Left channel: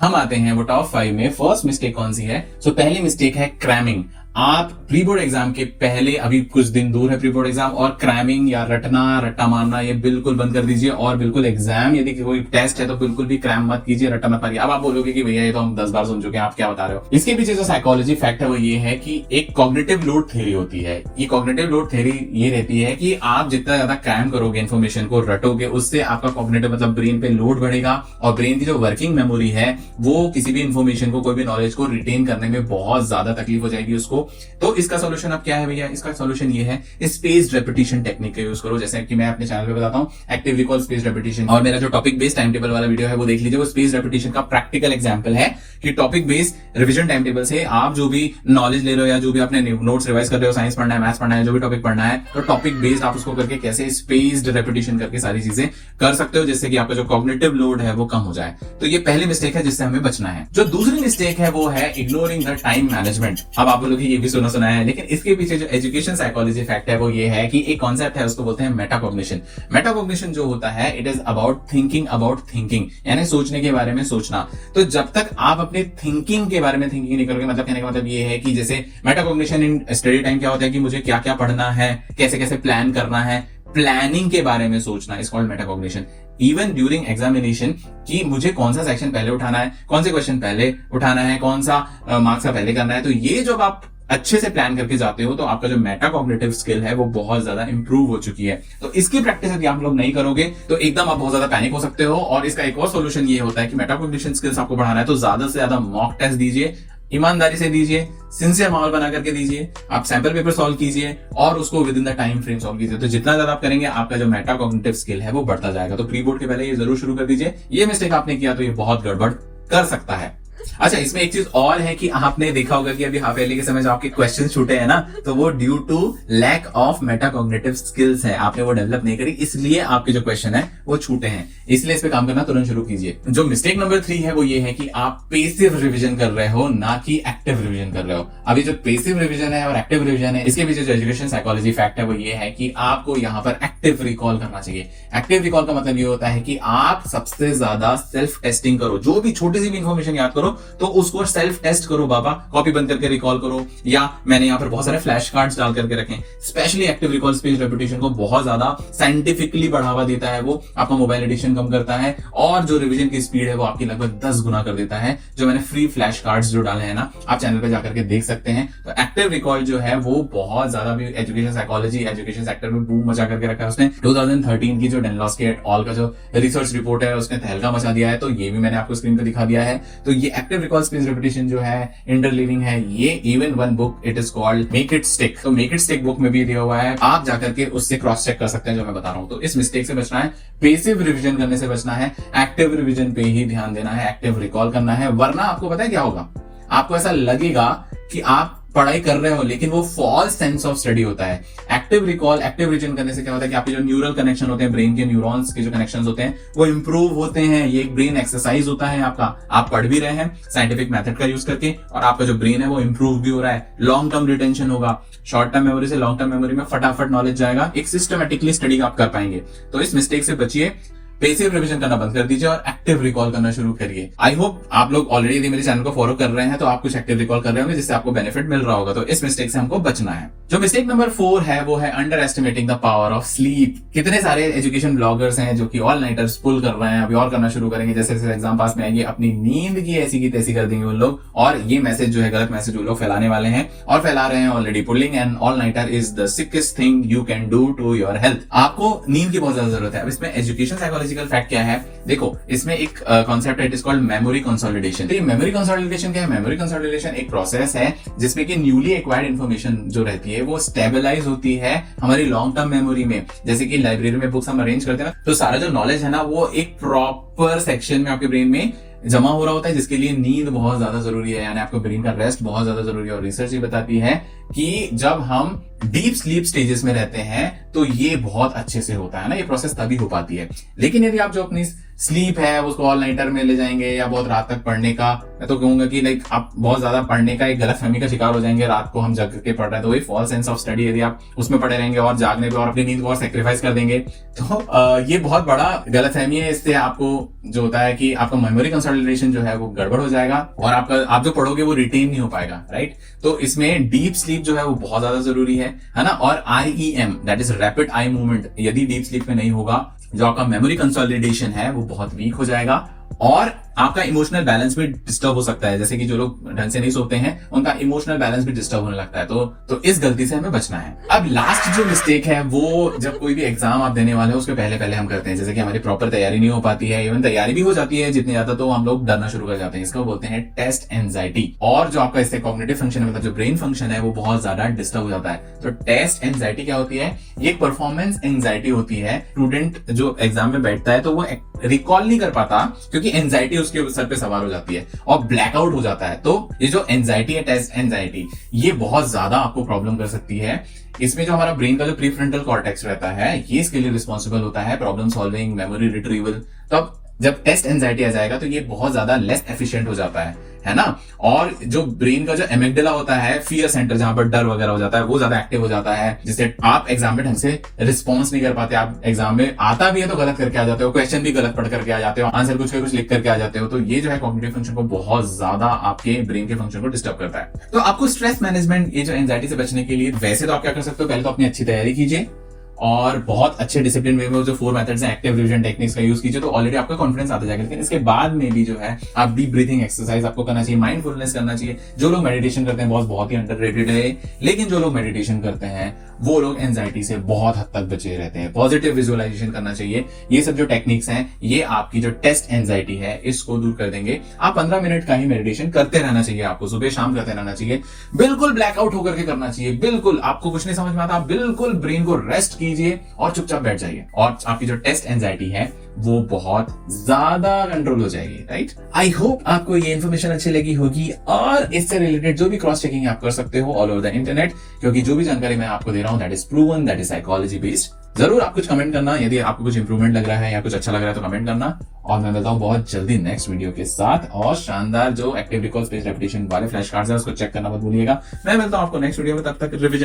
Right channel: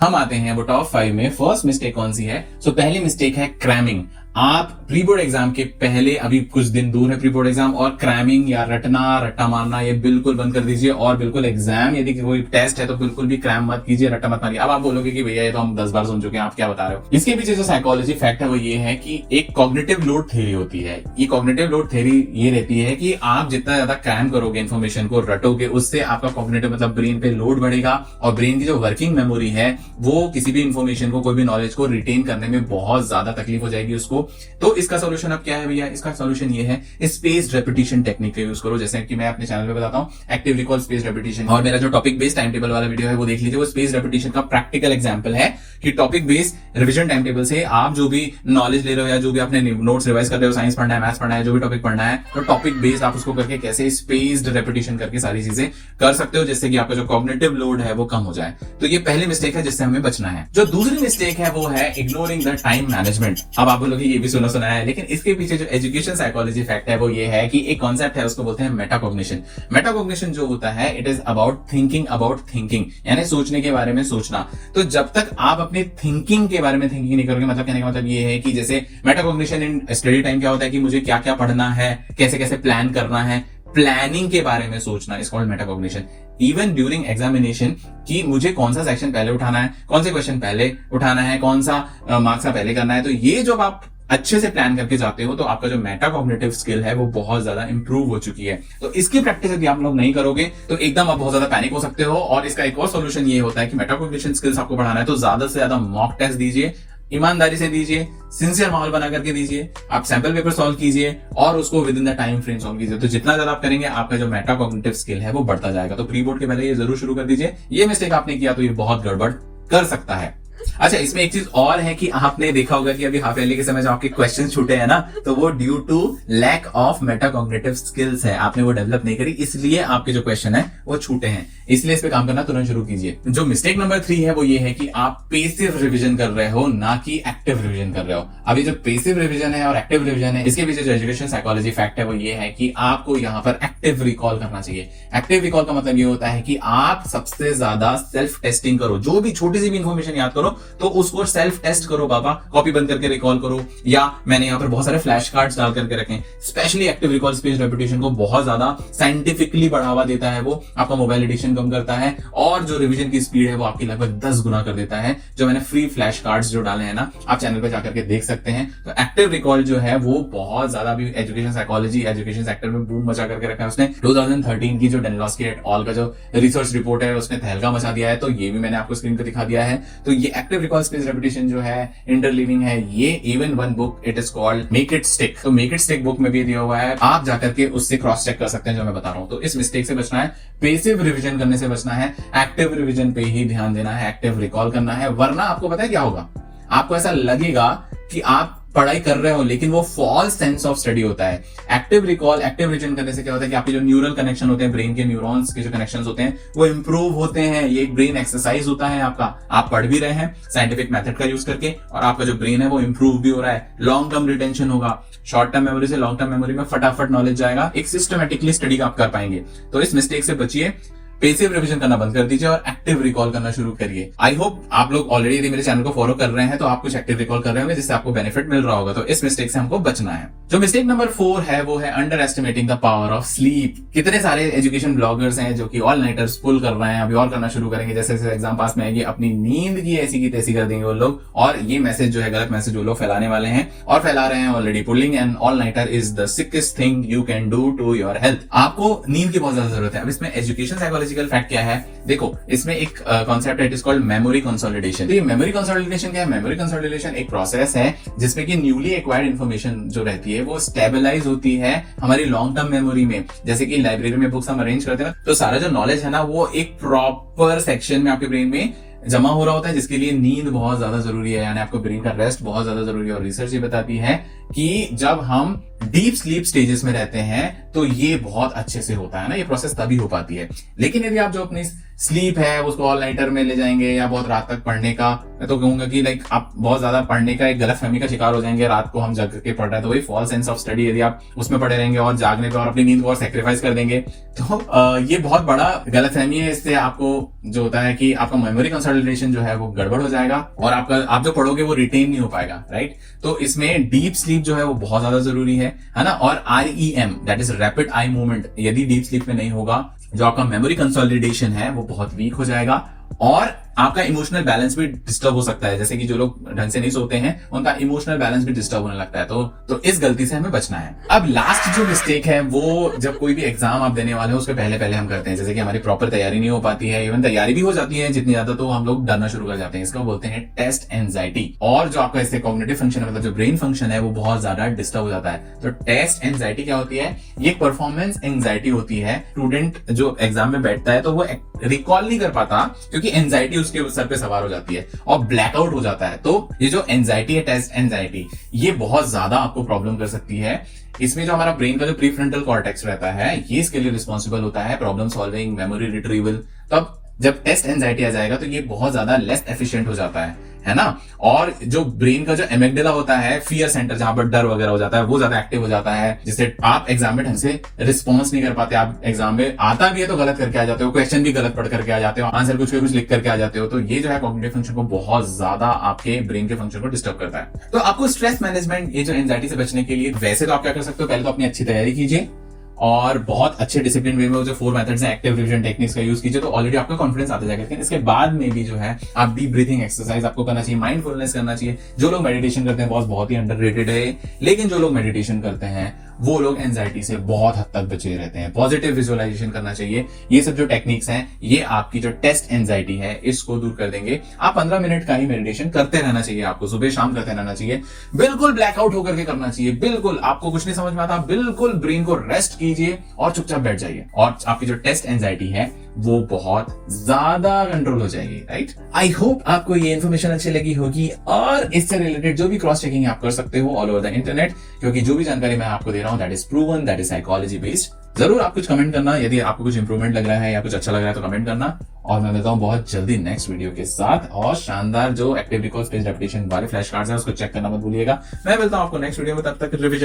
हम आते हैं वो टॉप 5 में। फर्स्ट मिस्टेक कौन सी है? पहली मिस्टेक है क्रैमिंग। आप प्री बोर्ड एग्जाम के पहले, अभी कुछ दिन दूर है प्री बोर्ड एग्जाम, और क्रैमिंग या रट्टा मारना ये बिल्कुल बंद कर दीजिए। और बिल्कुल एग्जाम यदि कोई टेस्ट है तो बिल्कुल भी क्रैम मत कीजिए, रट्टा मत मारिए। अब आप बोलोगे कि भैया ये तो हम 10 बार सुन चुके हैं, आप क्या बता रहे हो। इसके पीछे जो साइकोलॉजी फैक्ट है वो ये है कि एक कॉग्निटिव लोड थ्योरी होती है। ये कॉग्निटिव लोड थ्योरी ये रहती है कि आप जितना ज्यादा क्रैम करोगे, इन्फॉर्मेशन को रटोगे, उससे आपका कॉग्निटिव मतलब ब्रेन पे लोड बढ़ेगा और ब्रेन की जो वर्किंग मेमोरी है वो किसी भी इन्फॉर्मेशन को, कोई भी नॉलेज को रिटेन करने में बहुत ज्यादा तकलीफ हो जाएगी उसको। तो इसका सॉल्यूशन अब क्या है भैया? इसका सॉल्यूशन ये है, स्पेस्ड रेपिटेशन टेक्निक का यूज करो। जैसे कि मैं अपने चैनल पे बताता हूँ, एक्टिव रिकॉल, स्पेस्ड रेपिटेशन, और मेरा जो टॉपिक बेस्ड टाइम टेबल वाला वीडियो है वो देख लीजिए। वो स्पेस्ड रेपिटेशन का प्रैक्टिकल एग्जांपल है कि topic based revision time table से आप जो भी नॉलेज ले रहे हो या जो भी अपने नोट्स रिवाइज कर रहे हो, साइंस पढ़ना है, मैथ्स पढ़ना है, जो भी टॉपिक पढ़ना है, तो टॉपिक बेस्ड आप उसको करके कैसे स्पेस्ड रेपिटेशन करके सारी चीजें कर सकते हो, जिससे कि आपका जो कॉग्निटिव लोड है वो कम हो जाए। तो ये पहली मिस्टेक है जिससे हमें बचना है। जो दूसरी मिस्टेक है वो है इग्नोरिंग द टाइम मैनेजमेंट। अब आप बोलोगे ये भी सुना है, लेकिन इसके पीछे जो एजुकेशन साइकोलॉजी फैक्ट है वो ये है कि एक कॉन्सेप्ट है, उसको बोलते हैं मेटाकॉग्निशन। मेटाकॉग्निशन जो होता है, इट इज अबाउट थिंकिंग, यानी सोचने के बारे में सोचना। तो जब तक आप अपने थिंकिंग के बारे में थिंकिंग नहीं करोगे, मतलब कहने का मतलब ये है कि जैसे मेटाकॉग्निशन इन स्टडी टाइम क्या होता है कि मुझे क्या क्या पढ़ना है, कैसे कैसे प्लान करना है, प्लानिंग के बारे में सोचना, is called metacognition. Even during examination कि मुझे कौन सा सेक्शन पहले उठाना है, कौन से क्वेश्चन पहले उठाना है, कौन सा मार्क्स का पहले करना है। तो ये जब आप अच्छे से प्लान करके जाते हो तो आपका जो मेटाकॉग्निटिव स्किल है वो बहुत ज्यादा इंप्रूव हो चुकी है। तो इसकी प्रैक्टिस यदि आप लोग नहीं करोगे तो एकदम आप बहुत ज्यादा पैनिक हो सकते हो। और इसका एक और सोल्यूशन ये होता है कि मेटाकॉग्निशन स्किल्स आपको बढ़ाना है तो ज्यादा से ज्यादा मॉक टेस्ट दीजिए, ईमानदारी से दीजिए, सिंसियर माहौल बना करके दीजिए, आप सैंपल पेपर सॉल्व कीजिए और उसको with in the time frame solve कीजिए। तो जितना ज्यादा आप करेंगे आपका जो मेटाकॉग्निटिव स्किल है वो बढ़ता जाएगा। तो प्री बोर्ड के पहले ये जरूर शुरू कर दीजिए। ये मिस्टेक आपने किया तो ये बहुत गड़बड़ कर सकता है। अच्छा, इसमें एक चीज और है कि आपने देखा होगा कि अभी हाफ ईयरली के समय जो आपके क्वेश्चन छूटे हैं ना, तो वो due to lack of metacognitive skills है। आपने वो डेवलप नहीं करी, इसलिए आपके जो क्वेश्चन है वो छूटे हैं। इसलिए इस पे काम करना तुरंत शुरू कीजिए। जो मिस्टेक नंबर 3 है वो ये है कि आप पेसिव रिवीजन कर रहे हो, ना कि एक्टिव रिवीजन कर रहे हो। अभी जो पेसिव रिवीजन है और एक्टिव रिवीजन है, इसके पीछे जो एजुकेशन साइकोलॉजी फैक्ट है वो ये है कि आपको यहाँ पर एक्टिव रिकॉल करना चाहिए। एक्टिव रिकॉल का मतलब ये होता है कि आप सबसे ज्यादा सेल्फ टेस्टिंग करो। जो भी छोटी सी भी इंफॉर्मेशन याद करो तो उसको सेल्फ टेस्ट करो बाबा, कॉपी बंद करके रिकॉल करो, या मैंने यहाँ पर बहुत सारे फ्लैश कार्ड्स डाल करके रखे। Specially active recall space repetition को बहुत ज्यादा साइंटिफिकली बढ़ावा देता है। वो आपका मोबाइल एडिक्शन कम करता है और जो रिवीजन की स्पीड है वो आपकी लगभग 10 गुना कर देता है। जो मैंने फ्री फ्लैश कार्ड्स जो डाले हैं ना, आप चैनल पे जाकर के देख सकते हैं। तो एक्टिव रिकॉल जो है वो बहुत ज्यादा भी एजुकेशन साइकोलॉजी, एजुकेशन सेक्टर में बूम मचा करके रखा है उसने। 2013 की जो डेनलॉस्की एट ऑल का जो रिसर्च रिपोर्ट है उसने तहलका मचा दिया है। तो ये भी मैंने आपको स्क्रीन पे दिखा दिया है। तो ये एक्टिव रिकॉल स्पेस रेपिटेशन जो है, इंटरलीविंग है, ये even one book it is called make it stick. तो मेक इट स्टिक बुक में भी दिया हुआ है, आप जाकर के उससे क्रॉस चेक कर सकते हैं जो मैं बता रहा हूं। तो इस मिस्टेक से बचना है, पेसिव रिवीजन करने से बचना है, एक्टिव रिवीजन पे ही ध्यान देना है, एक्टिव रिकॉल करना है। वरना आपको पता है क्या होगा, आपको ऐसा लगेगा कि आप पढ़ाई कर रहे हो लेकिन वो फॉल्स सेंस ऑफ स्टडी होता है। एक्टिव रिकॉल, एक्टिव रिवीजन करने से क्या होता है कि आपके जो न्यूरल कनेक्शन होते हैं, ब्रेन के न्यूरॉन्स के जो कनेक्शंस होते हैं वो इंप्रूव होते हैं। ये एक ब्रेन एक्सरसाइज होता है आपका। आप पढ़ भी रहे हैं साइंटिफिक मेथड का यूज करके और आपका जो ब्रेन है वो इंप्रूव भी हो रहा है। लॉन्ग टर्म रिटेंशन होगा, शॉर्ट टर्म मेमोरी से लॉन्ग टर्म मेमोरी में फटाफट नॉलेज जाएगा। एक सिस्टमेटिकली स्टडी आप कर पाएंगे। तो इस मिस्टेक से बचिए, पेसिव रिवीजन करना बंद कर दीजिए और एक्टिव रिकॉल करना शुरू करिए। आई होप आप लोग ऑलरेडी यदि मेरे चैनल को फॉलो कर रहे हैं तो आप कुछ एक्टिव रिकॉल कर रहे होंगे जिससे आपको बेनिफिट मिल रहा होगा। तो इस मिस्टेक से हमको बचना है। जो मिस्टेक नंबर 4 है वो है under estimating the power of sleep. कितने सारे एजुकेशन ब्लॉगर्स हैं जो कि ऑल नाइटर्स पुल कर रहे हैं, अभी और करना शुरू करेंगे। जैसे जैसे एग्जाम पास में आएंगे अपनी नींद की ऐसी की तैसी कर देंगे वो लोग, और ये मैसेज जो है, गलत मैसेज वो लोग फैलाने वाले हैं और फैला रहे हैं already. Pulling an all nighter is the sickest thing you can do to your health. आपको नींद की बहुत ज्यादा जरूरत है। अब इसमें एजुकेशन साइकोलॉजिकल फैक्ट क्या है, देखो इसमें एक कॉन्सेप्ट है, it is called memory consolidation. ये मेमोरी कंसोलिडेशन क्या है? मेमोरी कंसोलिडेशन एक प्रोसेस है जिसमें कि न्यूली एक्वायर्ड इन्फॉर्मेशन जो रहती है वो स्टेबलाइज होती है हमारी लॉन्ग टर्म मेमोरी में। जैसे कि लाइब्रेरी में बुक्स हम अरेंज करते हैं ना, तो सारा जो नॉलेज है ना वो एक प्रॉपर सेक्शन में आपके ब्रेन में जमा हो रहा होता है, जिसके लिए नींद बहुत ज्यादा जरूरी है, यानी आपको ब्रेन का रेस्ट बहुत ज्यादा जरूरी है। और रिसर्च ये बताती है कि जब हम डीप स्लीप स्टेजेस में रहते हैं तो ये बहुत अच्छे से होता है ना, ये प्रोसेस तभी हो पाती है। लेकिन यदि आप जो अपनी स्लीप है उसको ऑल नाइटर में ले जाएंगे या बहुत रात तक पढ़ने का, मैं तो कहूंगा कि लाइक आप बहुत ज्यादा पढ़ने का एक गलतफहमी का शिकार हो जाएंगे, रात को हम जग के पढ़ रहे हैं, तो वही फॉल्स सेंस ऑफ स्टडी, यदि आप उसमें पढ़े रहेंगे और जागने पे और अपनी नींद को और सेक्रीफाइस कर देंगे तो ये बहुत बड़ा गलतफहमी है। इससे आपको जो होता है कि आपका मेमोरी कंसोलिडेशन जो है वो गड़बड़ हो जाएगा और आप जो पढ़ोगे वो रिटेन नहीं हो पाएगा, राइट। तो इसमें डीप स्लीप जो है वो बहुत ज्यादा जरूरी है ना। और REM that is rapid eye movement, यदि डीप स्लीप में नहीं होगा, जो आपका मेमोरी कंसोलिडेशन है वो बहुत वीक हो जाएगा और आपका इमोशनल बैलेंस भी डिस्टर्ब हो सकता है। जैसे कि जो लोग ढंग से नहीं सोते हैं उनका इमोशनल बैलेंस भी डिस्टर्ब होने लगता है। तो इस गलती से हमें बचना है। अब लास्ट जो मिस्टेक है वो जब कोई भी एग्जाम आप देने वाले हैं उसके पहले हम करते हैं, जैसे कि हमारी प्रॉपर तैयारी नहीं हो पाती है, इवन तैयारी भी हो जाती है जितनी ज्यादा, तो हम लोग डरना शुरू कर जाते हैं। इसका बोलते हैं टेस्ट एंजाइटी। और जो आपका इससे कॉग्निटिव फंक्शन है, मतलब जो ब्रेन फंक्शन है, वो बहुत ज्यादा डिस्टर्ब हो जाता है। तो टेस्ट एंजाइटी क्या होती है? एक परफॉर्मेंस एंजाइटी होती है। स्टूडेंट जो एग्जाम में बैठता है तो वो रिकॉल नहीं कर पाता क्योंकि एंजाइटी उसके सर पे सवार हो जाती है और ब्लैकआउट हो जाता है। तो ये जो एंजाइटी है, टेस्ट एंजाइटी, ये बहुत ज्यादा आपको प्रॉब्लम कर सकती है। इसमें जो हमारा ब्रेन का जो प्रीफ्रंटल कॉर्टेक्स रहता है, ये इसके लिए रिस्पॉन्सिबल होता है, प्रॉब्लम सॉल्विंग, मेमोरी रिट्रीवल। तब जब टेस्ट एंजाइटी आ जाएगा तो ये बहुत ज्यादा लेस एफिशिएंट हो जाता है ना। और जो ब्रेन का जो एमिगडाला होता है, फियर सेंटर, जहां पर डर वगैरह हो जाता है, वो ज्यादा एक्टिव हो जाता है, जिससे आप एग्जाम में ढंग से रिस्पॉन्स नहीं कर पाते। आप एग्जाम में आता भी है तो गलत करके आ जाते हो, क्वेश्चन भी गलत पढ़ करके आ जाते हो, आंसर कुछ लिख करके आ जाते हो। तो ये जो है कॉग्निटिव फंक्शन को बहुत ज्यादा आपके ब्रेन के फंक्शन को डिस्टर्ब करता है। तो आपको स्ट्रेस मैनेजमेंट, ये जो एंजाइटी से बचने के लिए वैसे तो आप क्या कर सकते हो, पहले तो अपनी अच्छी तैयारी कीजिए और बहुत अच्छे डिसिप्लिन वे में जो 4 मेथड्स हैं, एक्टिव रिविजन टेक्निक्स का यूज कीजिए, तो ऑलरेडी आपका कॉन्फिडेंस आता जाएगा। लेकिन इसके बाद में भी जो है आप डीप ब्रीथिंग एक्सरसाइज आपको करना चाहिए, माइंडफुलनेस करना चाहिए। जो लोग मेडिटेशन करते हैं बहुत ही अंडररेटेड है, लेकिन जो लोग मेडिटेशन करते हैं वो लोग एंजाइटी से बहुत हद तक बचे रहते हैं। पॉजिटिव विजुअलाइजेशन करना चाहिए। ये सब जो टेक्निक्स हैं, ये आपकी जो टेस्ट एंजाइटी है इसको दूर कर देंगे। आप 15 मिनट का ही मेडिटेशन करते रहना चाहिए, आपको सुबह शाम करते रहना चाहिए। बिल्कुल ब्लैकआउट होकर के करना चाहिए। बिल्कुल आपको कुछ नहीं समझ में आता, बिल्कुल ब्रेन को रेस्ट कीजिए और चुपचाप बैठ जाइए, और आपकी जो टेस्ट एंजाइटी है वो बहुत ज्यादा कंट्रोल हो जाएगी, राइट। आई होप आपको ये इन्फॉर्मेशन अच्छी लगी होगी और इससे रिलेटेड जो भी क्रॉस चेकिंग आप कर सकते हो ऑल ओवर द इंटरनेट, क्योंकि जो भी जानकारी मैं आपको दे रहा हूं that is proven, that is psychology based. जरूर आप कुछ कमेंट करना, यदि आपको कुछ इंप्रूवमेंट लग रहा है या कुछ अच्छा लग रहा है तो कमेंट करना। और मैं मिलता हूं बहुत जल्दी नेक्स्ट वीडियो के साथ, और शानदार जो एक्टिव रिकॉल स्पेस रेपिटेशन वाले फ्लैश कार्ड्स है उसको चेक करना मत भूलिएगा। मैं मिलता हूं आपको नेक्स्ट वीडियो में, तब तक रिविजन